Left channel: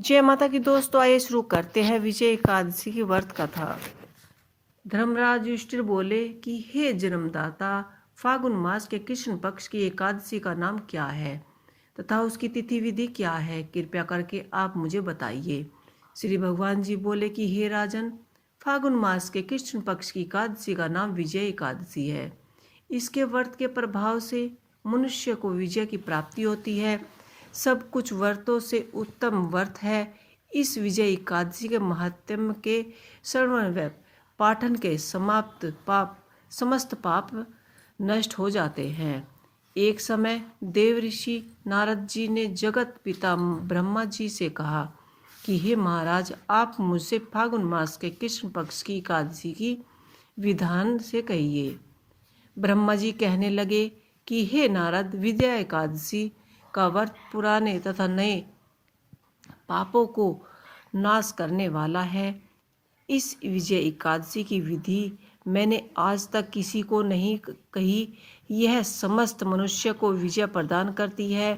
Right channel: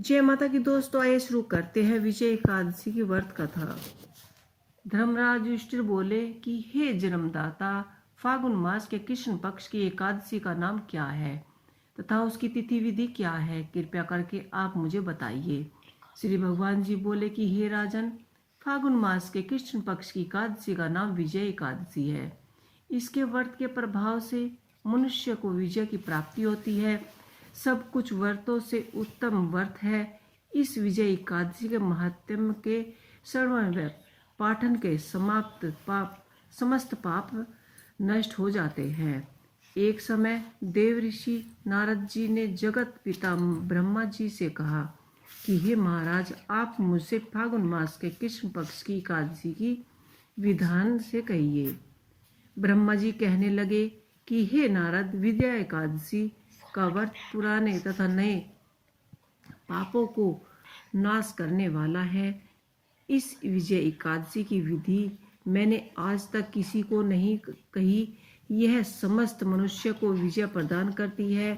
जय माता की दोस्तों, आइए शुरू करते हैं विजय एकादशी की व्रत कथा। धर्मराज युधिष्ठिर बोले कि हे जन्मदाता, फागुन मास के कृष्ण पक्ष की एकादशी का नाम क्या है तथा उसकी तिथि विधि क्या है, कृपया करके आप मुझे बताइए। श्री भगवान जी बोले कि हे राजन, फागुन मास के कृष्ण पक्ष की एकादशी का नाम विजय एकादशी है। इसके व्रत के प्रभाव से मनुष्य को विजय की प्राप्ति होती है। सब कुछ व्रतों से उत्तम व्रत है। इस विजय एकादशी के महात्म्य के श्रवण व पाठन के समस्त पाप नष्ट हो जाते हैं। एक समय देव ऋषि नारद जी ने जगत पिता ब्रह्मा जी से कहा कि हे महाराज, आप मुझसे फागुन मास के कृष्ण पक्ष की एकादशी की विधान से कहिए। ब्रह्मा जी कहने लगे कि हे नारद, विजया एकादशी का व्रत पुराने तथा नए पापों को नाश करने वाला है। इस विजय एकादशी की विधि मैंने आज तक किसी को नहीं कही। यह समस्त मनुष्य को विजय प्रदान करती है।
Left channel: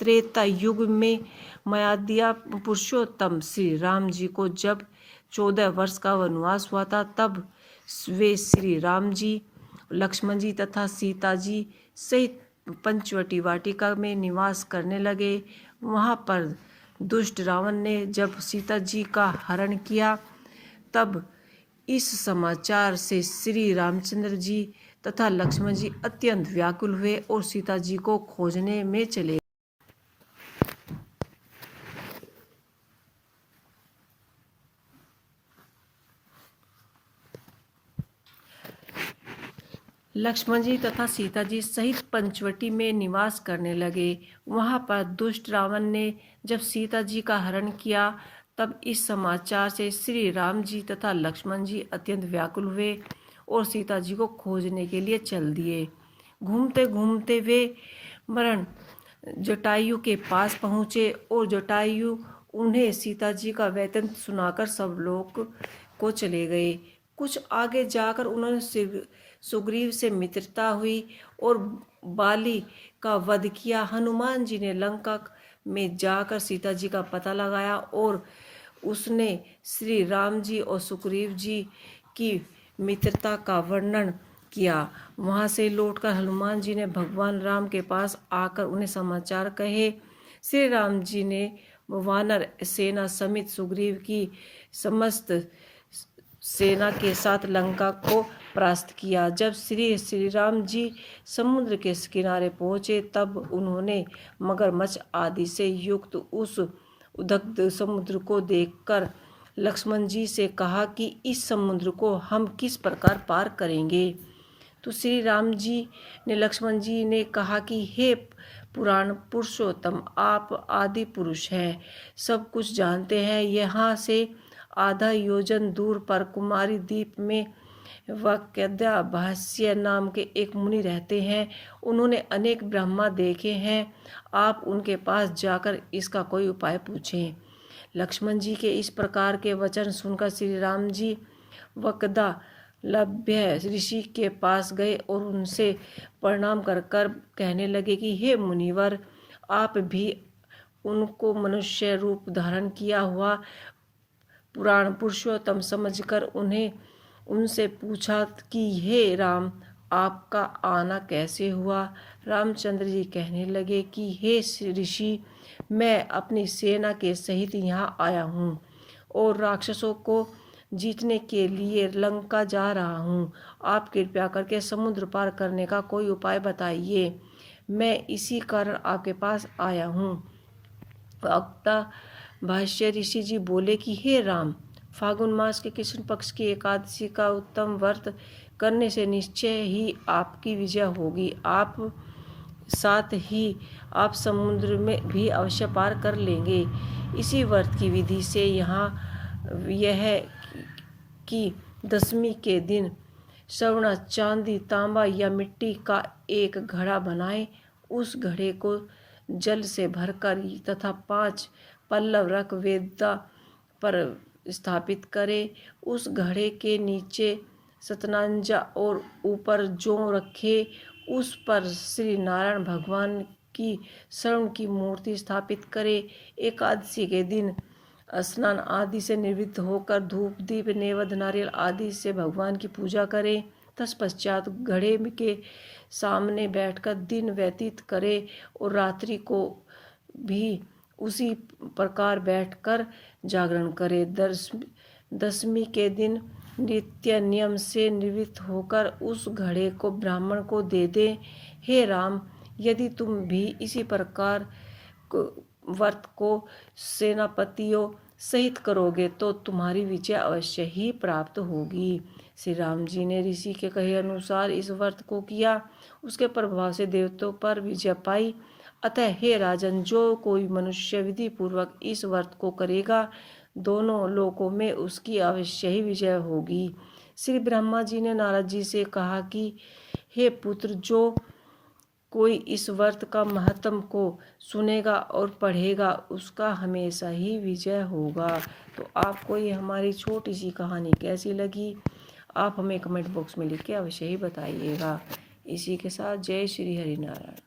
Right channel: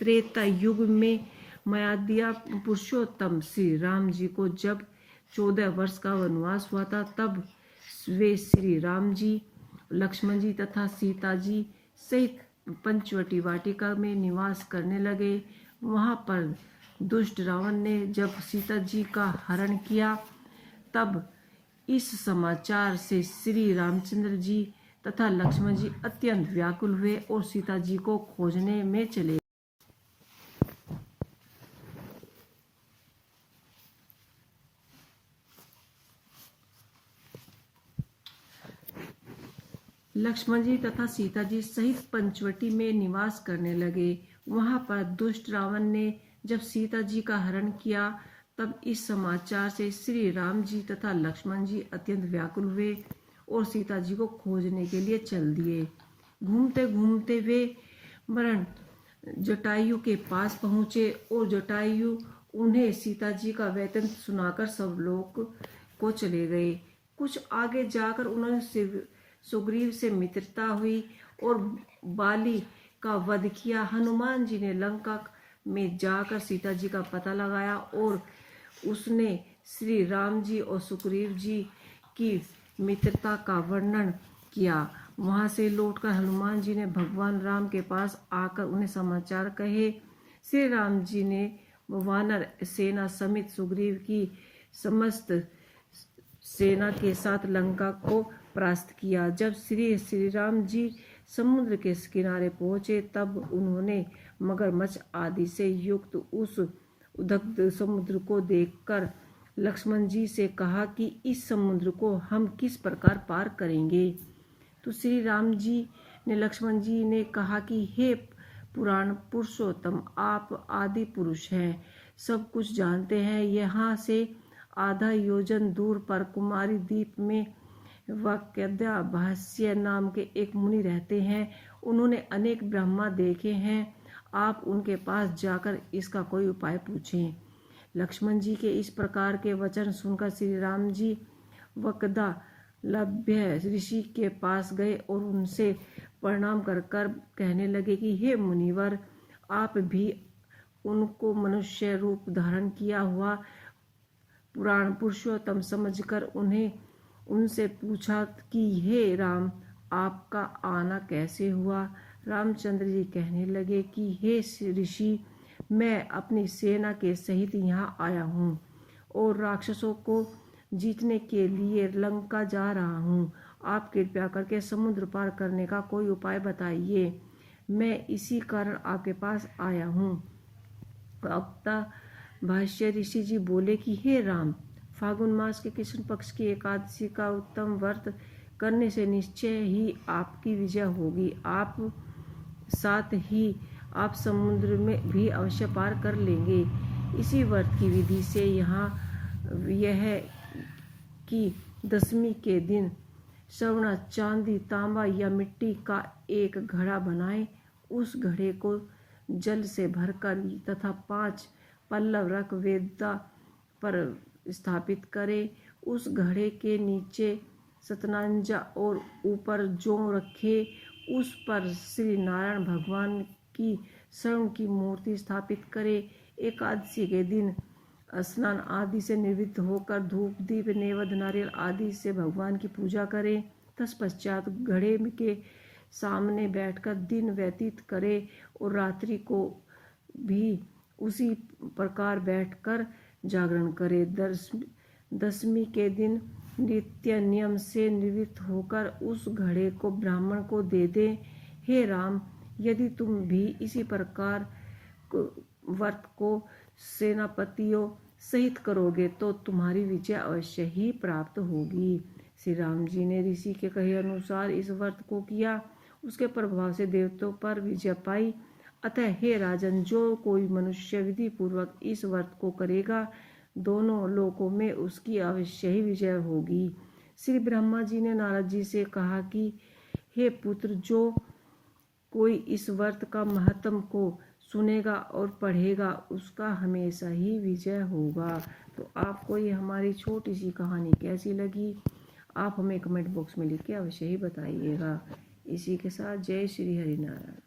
त्रेता युग में मयादिया पुरुषोत्तम श्री राम जी को जब 14 वर्ष का वनवास हुआ था, तब वे श्री राम जी, लक्ष्मण जी तथा सीता जी सहित पंचवटी वाटिका में निवास करने लगे। वहाँ पर दुष्ट रावण ने जब सीता जी का हरण किया, तब इस समाचार से श्री रामचंद्र जी तथा लक्ष्मण जी अत्यंत व्याकुल हुए और सीता जी को खोजने में चले। लक्ष्मण जी तथा सीता जी सहित पंचवटी में निवास करने लगे। वहाँ पर दुष्ट रावण ने जब सीता जी का हरण किया, तब इस समाचार से श्री राम जी तथा लक्ष्मण जी अत्यंत व्याकुल हुए और सीता जी को खोजने के लिए चल दिए। घूमते घूमते वे मरण जटायु के पास पहुँचे और जटायु उन्हें सीता जी का वृत्तांत सुनाकर सब लोग को चले गए। कुछ आगे जाकर उन्होंने सुग्रीव से मित्रता हुई और बाली का वध किया। हनुमान जी ने लंका में जाकर सीता जी का पता लगाया और उसने श्री राम जी और सुग्रीव जी की मित्रता का वर्णन किया। वहाँ से लौटकर हनुमान जी ने भगवान राम के पास आकर उन्हें समाचार कहे। श्री राम जी ने वानर सेना समेत सुग्रीव की समस्त सेना के साथ लंका को परास्त किया। जब श्री राम जी समुद्र के किनारे पहुँचे, तब उन्होंने मगरमच्छ आदि से युक्त उस उदग्ध समुद्र को देखकर लक्ष्मण जी से कहा कि इस समुद्र को हम किस प्रकार पार करेंगे। तो श्री राम जी ने लक्ष्मण जी ने कहा कि हे पुराण पुरुषोत्तम, आप आदि पुरुष हैं, सब कुछ जानते हैं। यहाँ से आधा योजन दूर पर कुमारी द्वीप में वाक्यद्या भाष्य नाम के एक मुनि रहते हैं। उन्होंने अनेक ब्रह्मा देखे हैं। आप उनके पास जाकर इसका कोई उपाय पूछें। लक्ष्मण जी के इस प्रकार के वचन सुनकर श्री राम जी वक्दा लभ्य ऋषि के पास गए और उनसे प्रणाम कर कर कहने लगे कि हे मुनिवर, आप भी उनको मनुष्य रूप धारण किया हुआ पुराण पुरुषोत्तम समझकर उनसे पूछा कि हे राम, आपका आना कैसे हुआ। रामचंद्र जी कहने लगे कि हे ऋषि, मैं अपनी सेना के सहित यहाँ आया हूँ और राक्षसों को जीतने के लिए लंका जा रहा हूँ। आप कृपया करके समुद्र पार करने का कोई उपाय बताइए। मैं इसी कारण आपके पास आया हूँ। वक्ता भाष्य ऋषि जी बोले कि हे राम, फागुन मास के कृष्ण पक्ष की एकादशी का उत्तम व्रत करने से निश्चय ही आपकी विजय होगी। आप साथ ही आप समुद्र में भी अवश्य पार कर लेंगे। इसी व्रत की विधि से यहाँ यह कि दशमी के दिन स्वर्ण, चांदी, तांबा या मिट्टी का एक घड़ा बनाएं। उस घड़े को जल से भरकर तथा 5 पल्लव रख वेदा पर स्थापित करें। उस घड़े के नीचे सतनांजा और ऊपर जौ रखे। उस पर श्री नारायण भगवान की स्वर्ण की मूर्ति स्थापित करें। एकादशी के दिन स्नान आदि से निवृत्त होकर धूप दीप नैवेद्य नारियल आदि से भगवान की पूजा करें। तत्पश्चात घड़े के सामने बैठकर दिन व्यतीत करे और रात्रि को भी उसी प्रकार बैठकर जागरण करे। दशमी के दिन नित्य नियम से निवृत्त होकर उस घड़े को ब्राह्मण को दे दे। हे राम, यदि तुम भी इसी प्रकार व्रत को सेनापतियों सहित करोगे तो तुम्हारी विजय अवश्य ही प्राप्त होगी। श्री राम जी ने ऋषि के कहे अनुसार इस व्रत को किया। उसके प्रभाव से देवताओं पर विजय पाई। अतः हे राजन, जो कोई मनुष्य विधि पूर्वक इस व्रत को करेगा, दोनों लोकों में उसकी अवश्य ही विजय होगी। श्री ब्रह्मा जी ने नारद जी से कहा कि हे पुत्र, जो कोई इस व्रत का महत्व को सुनेगा और पढ़ेगा, उसका हमेशा ही विजय होगा। तो आपको ये हमारी छोटी सी कहानी कैसी लगी, आप हमें कमेंट बॉक्स में लिख के अवश्य ही बताइएगा। इसी के साथ जय श्री हरि नारायण।